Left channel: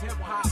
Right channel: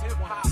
hip-hop,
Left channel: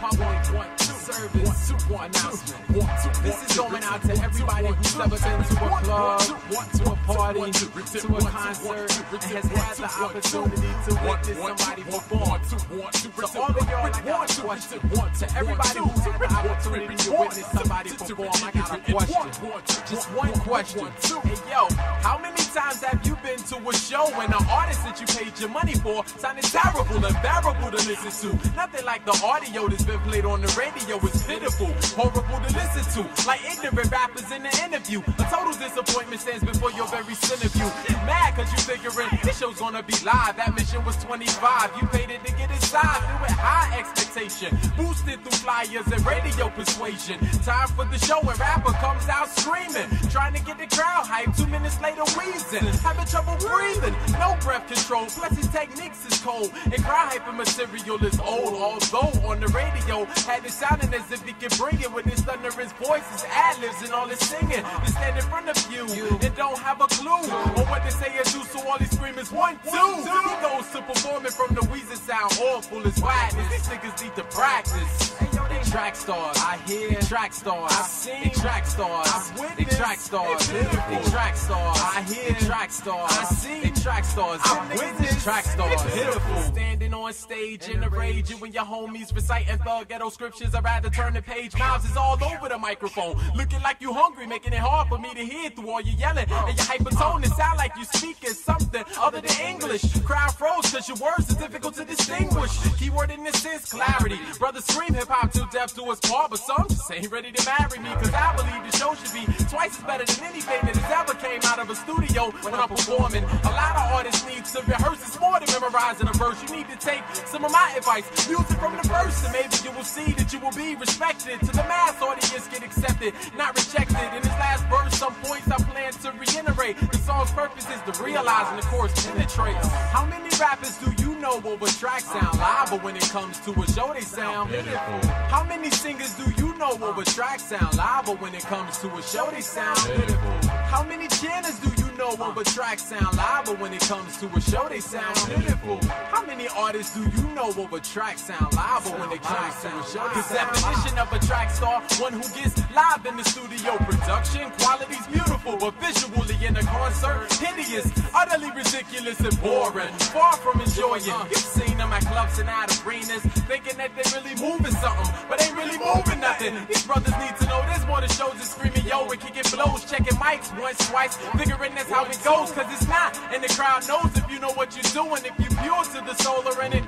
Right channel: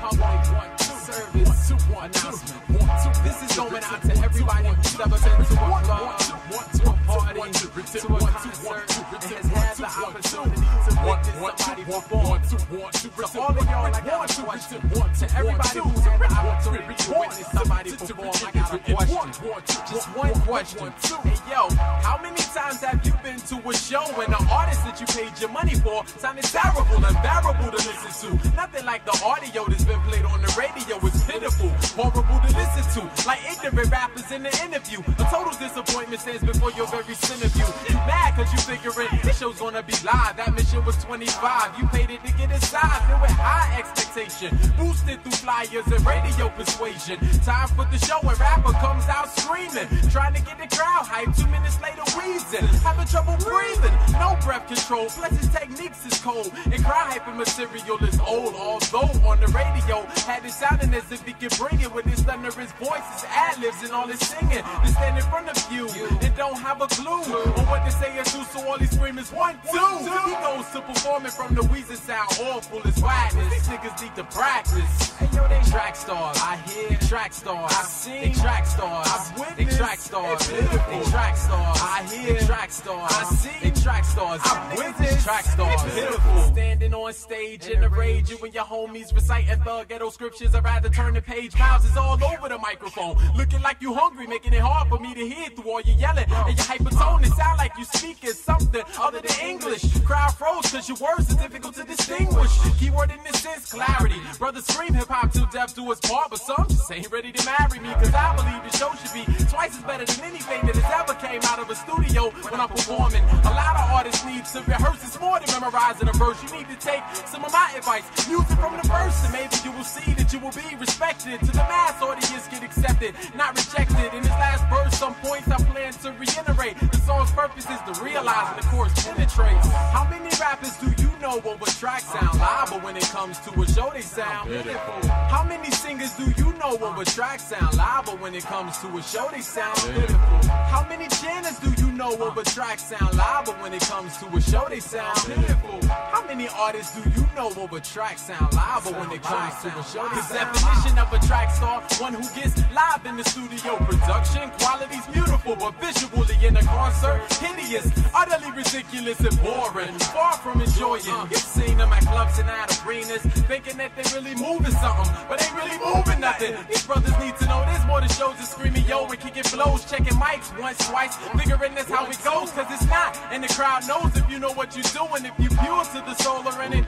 public, service, announcement. This is going out to everybody who's ever been to a club, to a party, to a concert, and has had the opportunity to witness somebody perform. To all of y'all, I got a question. To everybody who's had the opportunity to witness somebody perform, I got a question. Just one question. Hey, yo, how many times have you been to a show and the artist that you paid your money for sounded terrible, unbearable to listen to? Nothing like the audio that's been played on the radio is pitiful, horrible to listen to, like ignorant rappers in the interview. A total disappointment stands before your very centerview. You mad cause you figuring this show's gonna be live. That mission was 25, you paid it to get inside. Filled with high expectation, boosted through flyers and radio persuasion. Time for the show and rapper comes out screaming, trying to get the crowd hyped. 2 minutes later wheezing, having trouble breathing, no breath control, plus his techniques is cold, and crowd hyping material is old. Although on the radio had it sounding as if he could bring it with his thunderous voice, his ad-libs and all his singing. To stand in front of you and don't have a clue on what to say or do, so all he scream is 1, 2. He goes to performing from the Weezer sound awful as wildness. These niggas need to practice. Hey yo, they Trackstars, I hear. They Trackstars, I've seen. They Trackstars, I've witnessed. They Trackstars, they Trackstars, I hear. They Trackstars, I see. They Trackstars, I've witnessed. Trackstars, pitiful. Standing on stage in the rage, you and your homies reciting thug ghetto scriptures. I'd rather turn the page. Mouths is all over the microphone, looking like you hungry, making it hard for me to hear through all your yelling and your hypertone. It sound like you speaking something other than English. Crowd froze cause your words are difficult to distinguish. Keyword in this sense, clarity. Brothers scream hip-hop till death do us part, but some just ain't ready to marry me, cause I believe the show should be twice as better than anything that has ever came out of a studio when I'm performing. A lot of artists need to rehearse. It's more than memorizing a verse. You need to take some of my advice, music from the verse, and maybe you will see that you will be respected. To the mass audience, get accepted, not rejected. In this last verse, some points I plan to reiterate. The song's purpose is to realize and the chorus penetrates. How many rappers do you know over track sound live, but when it comes to a show they sound pitiful? How many singers do you know over track sound live, but when it comes to a show they sound pitiful? How many channels do you know over track sound live, but when it comes to a show they sound pitiful? How many artists do you know over track sound live, but when it comes to a show they sound? The definition of a track star, one who gets live in the studio. Production quality's beautiful, but visually in a concert hideous, utterly ridiculous and boring. Far from enjoying. You've seen them at clubs and at arenas, thinking that they really moving something, but ain't really moving nothing. These brothers need to know there's more than shows and screaming yo and kicking blows, checking mics once, twice, figuring that's how it goes, cause it's not. And the crowd knows if you know what you're doing, if you pure to the soul or in it.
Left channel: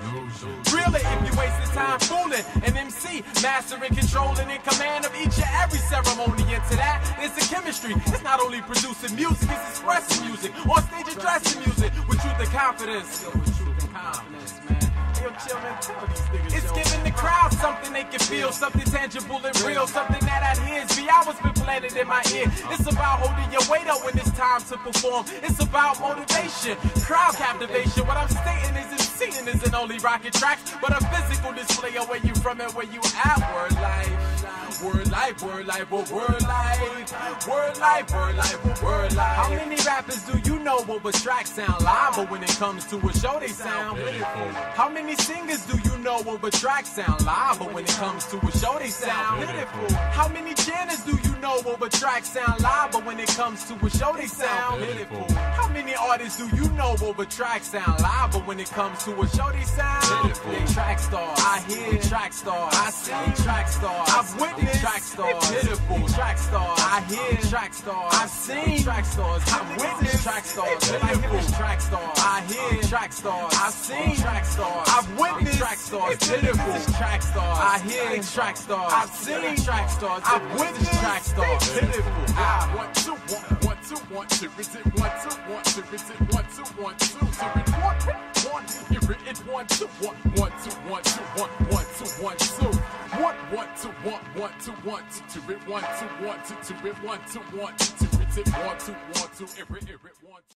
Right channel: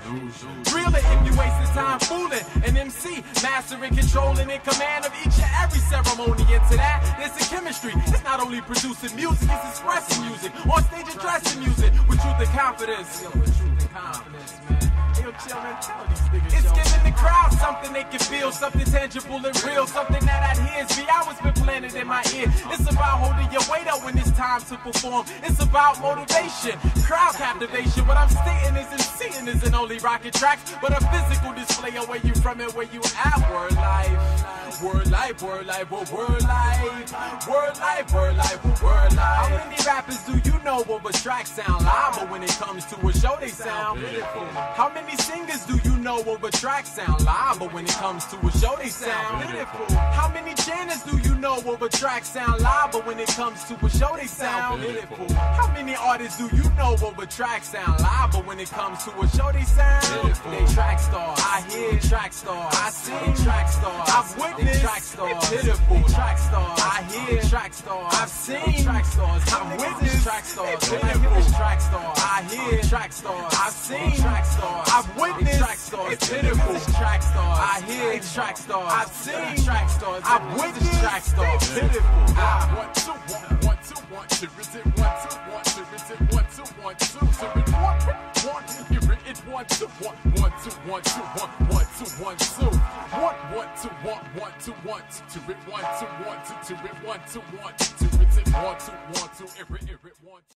Really, if you wasting time fooling an MC, mastering, controlling, in command of each and every ceremony. Into that, there's the chemistry. It's not only producing music, it's expressing music. On stage addressing music with truth and confidence. Yo, with truth and confidence, man. Hey, yo, chill, man, tell these niggas. It's giving the crowd something they can feel, something tangible and real, something that adheres. The hours been planted in my ear. It's about holding your weight up when it's time to perform. It's about motivation, crowd captivation. What I'm stating isn't seeing isn't only rocket tracks, but a physical display of where you from and where you at. Word life, word life, word life, word life, word life, word life, word life. How many rappers do you know over track sound live, but when it comes to a show they sound pitiful? How many singers do you know over track sound live, but when it comes to a show they sound pitiful? How many channels do you know over track sound live, but when it comes to a show they sound pitiful? How many artists do you know over track sound live, but when it comes to a show they sound pitiful? They Trackstars, I hear. Trackstars, I see. Trackstars, I've witnessed. Trackstars, pitiful. Trackstars, I hear. Trackstars, I've seen. Trackstars, I've witnessed. Trackstars, pitiful. Trackstars, I hear. Trackstars, I've seen. Trackstars, I've witnessed. Trackstars, pitiful. Trackstars, I hear. Trackstars, I've seen. Trackstars, I've witnessed. Trackstars, pitiful. 1, 2, 1, 1, 2, 1, 2, is it 1, 2, 1, 2, is it 1, 2, 1, 2, so it's 1, it's 1, 2, 1, 1, 2, 1, 2, 1, 1, 2, 1, 2, 1, 1, 2, 1, 1, 2, 1, 2, 2, it 1, 2, 1, 2, 2, it 1, 2, 1, 2, it's it 1, 2, 1, 2, it 1.